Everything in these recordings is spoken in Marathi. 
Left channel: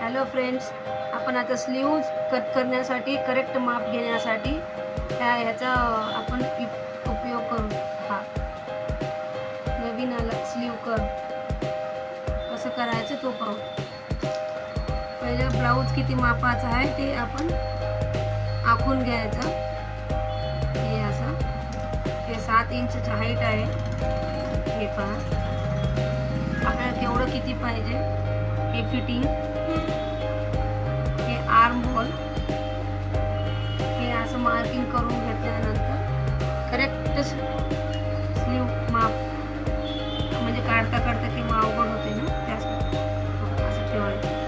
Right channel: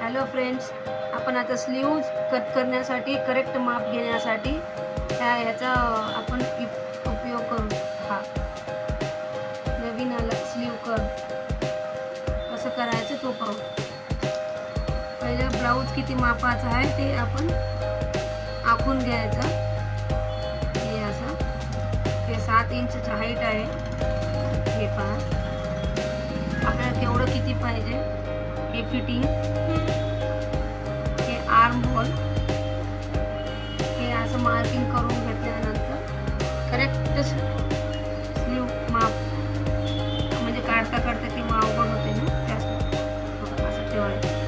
हॅलो फ्रेंड्स, आपण आता स्लीव्ज कट करण्यासाठी करेक्ट माप घेण्यासाठी ह्याचा आपण उपयोग करू. हा नवीन आला स्लीव कर्व कसं करायचं तो पाहू. पहिले ब्लाऊज किती मापाचा आहे ते आपण आखून घ्यायचं. हे असं हे 7 इंचचं हाईट आहे. हे पहा आपल्याला केवढं किती पाहिजे हे फिटिंग. हे आर्म होल हे असं मार्किंग करून घेतल्यानंतर करेक्ट स्लीव माप म्हणजे काढता किंवा अवघड होते ना त्यासाठी असं ठेवायचं.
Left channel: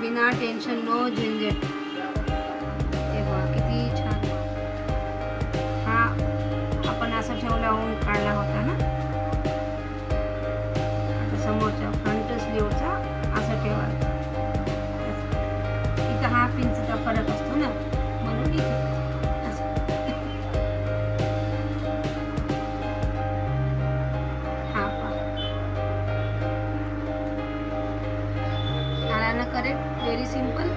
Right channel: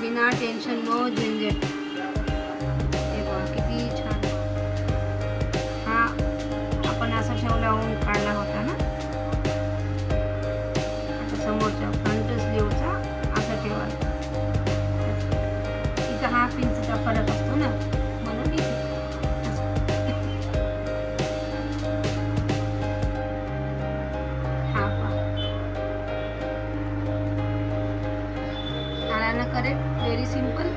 बिना टेन्शन नो झंझट. हे बघा किती छान. हा आपण असं ठेवल्याहून काढला होता ना. आता समोरच्या फ्रंट स्लीवचा असं ठेवायचं. इथं 1/2 इंचचा फरक असतो ना म्हणून इथे हा पहा आला ना करेक्ट. Very simple.